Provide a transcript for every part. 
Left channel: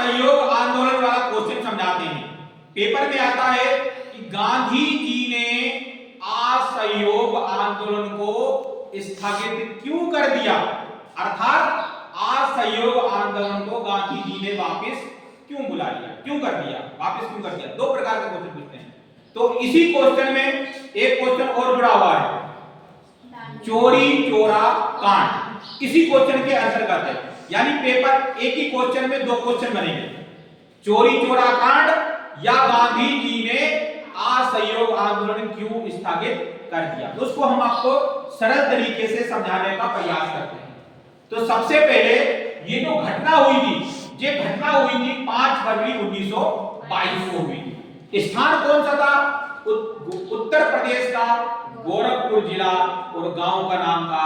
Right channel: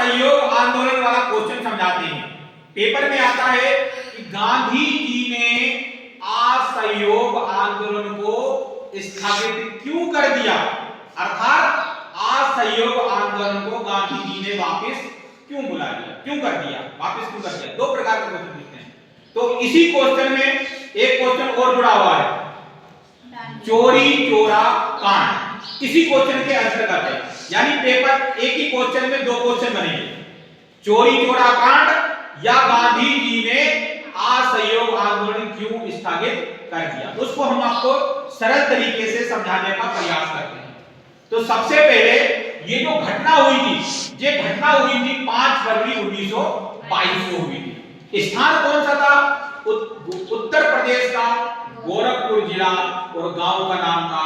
असहयोग आंदोलन वाला क्वेश्चन समझाते हैं। पेपर में आता है कि गांधी जी ने असहयोग आंदोलन को स्थगित क्यों कर दिया, अर्थात असहयोग आंदोलन को गांधी जी ने वापस क्यों बुला लिया, क्यों कर दिया, वापस क्यों कर दिया। दो प्रकार के क्वेश्चन पूछते हैं। तो इसी क्वेश्चन में एक क्वेश्चन और जुड़ा हुआ है, चोरी चोरा कांड, इसी क्वेश्चन के अंतर्गत है। यानी पेपर एक ही क्वेश्चन में दो क्वेश्चन बनेंगे, चोरी चोरा कांड या गांधी जी ने असहयोग आंदोलन क्यों स्थगित कर दिया। उसको हम आपको सरल तरीके से समझाने का प्रयास करते हैं। तो सबसे पहले ये जो घटना हुई थी, ये घटना हुई थी 5 फरवरी 1922 को हुई थी। स्थान कौन सा था? उत्तर प्रदेश का गोरखपुर जिला, और गांव का नाम था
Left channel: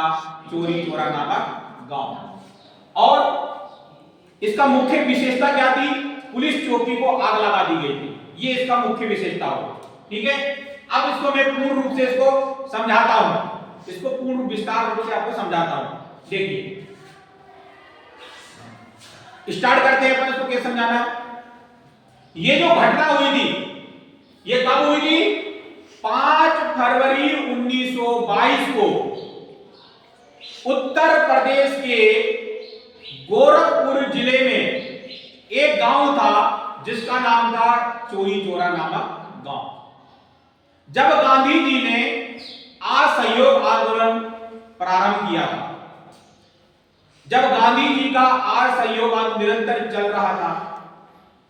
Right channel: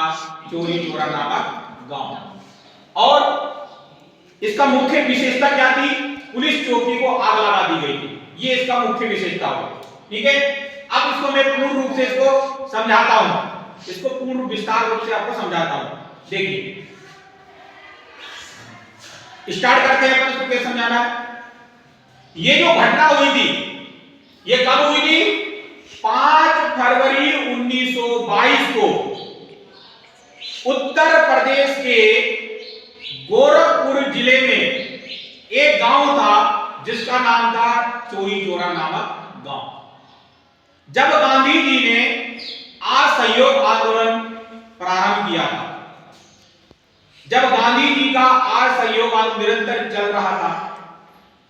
चोरी चोरा नामक गांव। और इसका मुख्य विशेषता क्या थी? पुलिस चौकी को आग लगा दी गई थी, ये इसका मुख्य विशेषता हुआ। ठीक है, अब इसको मैं पूर्ण रूप से इसको समझाता हूं, इसको पूर्ण विस्तार रूप से आपको समझाता हूं। देखिए, स्टार्ट करते हैं अपन इसको कैसे समझाना है। ये जो घटना हुई थी, ये कब हुई थी? 5 फरवरी 1922 को उत्तर प्रदेश के गोरखपुर जिले में एक गांव था जिसका नाम था चोरी चोरा नामक गांव। जब गांधी जी ने असहयोग आंदोलन प्रारंभ किया था, जब गांधी जी का असहयोग आंदोलन निरंतर चल रहा था,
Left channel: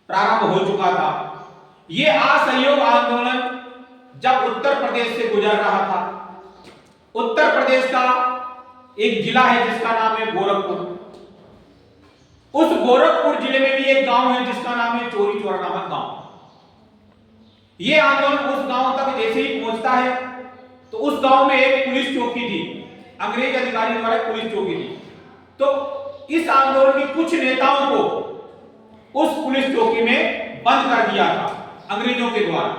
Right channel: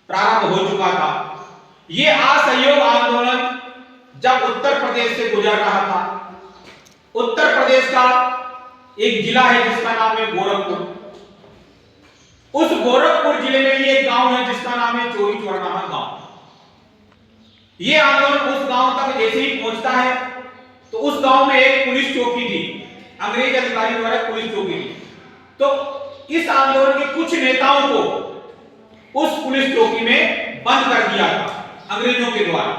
प्रारंभ हो चुका था, यह असहयोग आंदोलन जब उत्तर प्रदेश से गुजर रहा था, उत्तर प्रदेश का एक जिला है जिसका नाम है गोरखपुर, उस गोरखपुर जिले में भी एक गांव है जिसका नाम है चोरी चोरा नामक गांव। यह आंदोलन उस गांव तक जैसे ही पहुंचता है तो उस गांव में एक पुलिस चौकी थी, अंग्रेज अधिकारी द्वारा पुलिस चौकी थी। तो इस आंदोलन के कुछ नेताओं को उस पुलिस चौकी में बंद कर दिया था अंग्रेजों के द्वारा।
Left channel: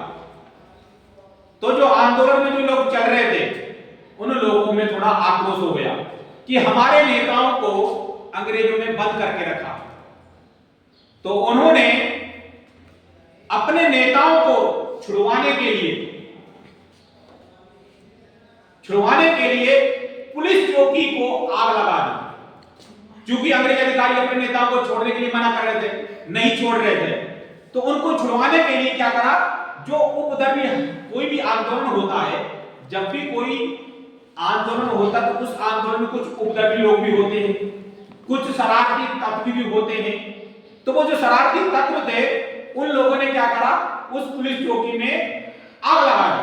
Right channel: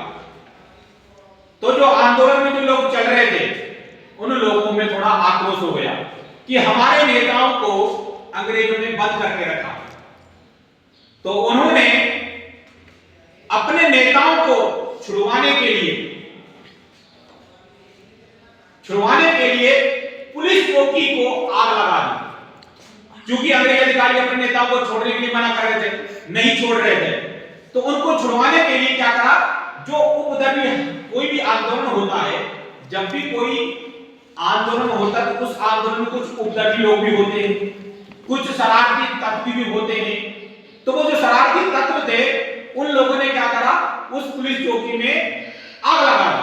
तो जो आंदोलन में जो लोग चल रहे थे, उन लोगों में थोड़ा आक्रोश हो गया कि हमारे नेताओं को अंग्रेजों ने बंद करके रखा। तो उन्होंने अपने नेताओं को छुड़वाने के लिए पुलिस चौकी को आग लगा दी। क्योंकि अंग्रेज अधिकारी अपने नेताओं को छोड़ने के लिए मना कर रहे थे, नहीं छोड़ रहे थे, तो उनको छुड़वाने के लिए क्या करा, जो उपद्रवी कोई भी आंदोलन होता है, जब भी कोई आंदोलन होता है तो उस आंदोलन में कुछ उपद्रवी लोग भी होते हैं, कुछ शरारती तत्व भी होते हैं। तो वो जो शरारती तत्व थे, उन लोगों ने क्या करा, उस पुलिस चौकी में आग लगा दी।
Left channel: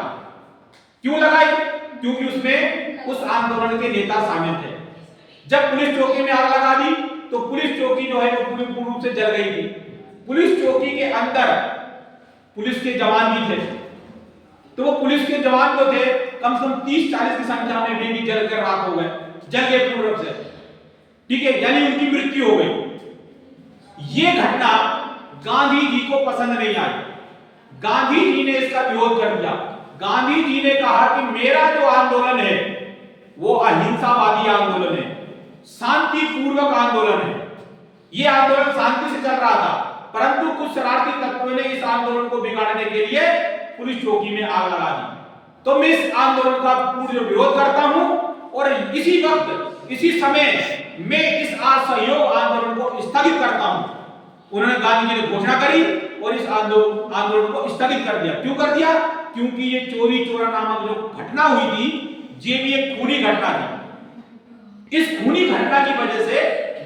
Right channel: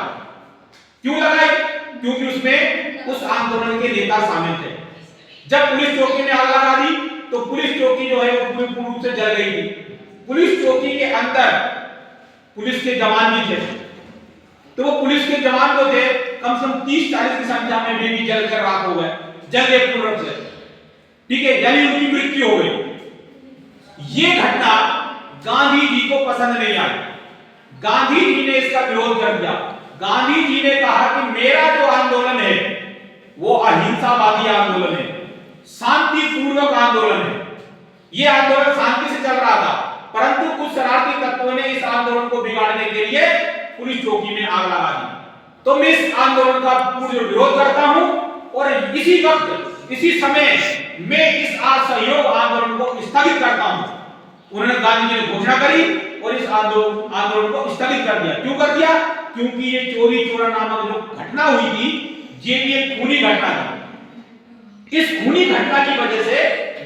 क्यों लगाई? क्योंकि उसमें उस आंदोलन के नेता शामिल थे। जब पुलिस चौकी में आग लगा दी तो पुलिस चौकी जो है वो पूरी रूप से जल गई थी। पुलिस चौकी के अंदर पुलिस के जवान भी थे, तो वो पुलिस के जवान जो थे कम से कम 30-40 की संख्या में भी जल कर राख हो गए, जल गए पूर्ण रूप से। ठीक है, यानी उनकी मृत्यु हो गई। ये घटना गांधी जी को पसंद नहीं आई, गांधी जी ने इसका विरोध कर दिया। गांधी जी ने कहा कि मेरा जो आंदोलन है वो अहिंसावादी आंदोलन है, शांतिपूर्वक आंदोलन है। यह आंदोलन शांति से चल रहा था, परंतु कुछ शरारती तत्वों ने इस आंदोलन को बिगाड़ने के लिए पुलिस चौकी में आग लगा दी। तो मैं इस आंदोलन का पूर्ण विरोध करता हूं, और इसी वक्त इसी समय मैं इस असहयोग आंदोलन को स्थगित करता हूं। उन्होंने गांधी जी ने घोषणा करी और इस आंदोलन को स्थगित कर दिया। क्यों कर दिया? क्योंकि ये चोरी चोरा नामक जो घटना हुई थी, ये भी एक खूनी घटना थी। इस खूनी घटना की वजह से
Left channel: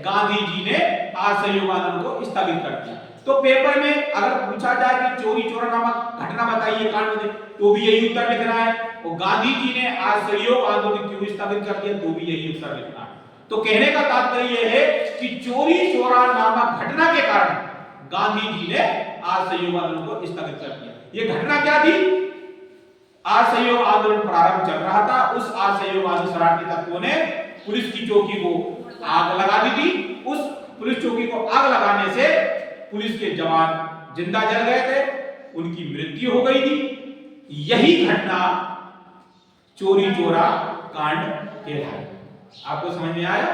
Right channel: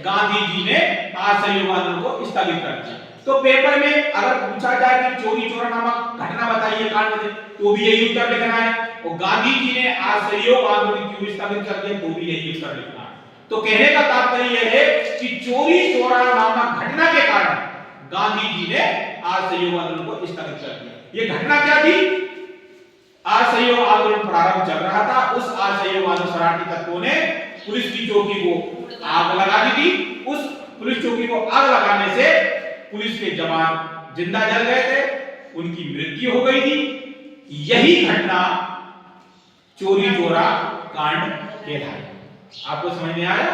गांधी जी ने असहयोग आंदोलन को स्थगित कर दिया। तो पेपर में अगर पूछा जाए कि चोरी चोरा नामक घटना बताइए, कांड बताइए, तो भी यही उत्तर लिखना है, और गांधी जी ने असहयोग आंदोलन क्यों स्थगित कर दिया, तो भी यही उत्तर लिखना है। तो कहने का तात्पर्य यह है कि चोरी चोरा नामक घटना के कारण गांधी जी ने असहयोग आंदोलन को स्थगित कर दिया। यह घटना क्या थी? असहयोग आंदोलन प्रारंभ चल रहा था, उस असहयोग आंदोलन शरारती तत्वों ने पुलिस की चौकी को आग लगा दी थी। उस पुलिस चौकी को आग लगाने से पुलिस के जवान जिंदा जल गए थे, उनकी मृत्यु हो गई थी। यही घटना चोरी चोरा कांड कहलाता है। आपको समझ में आया?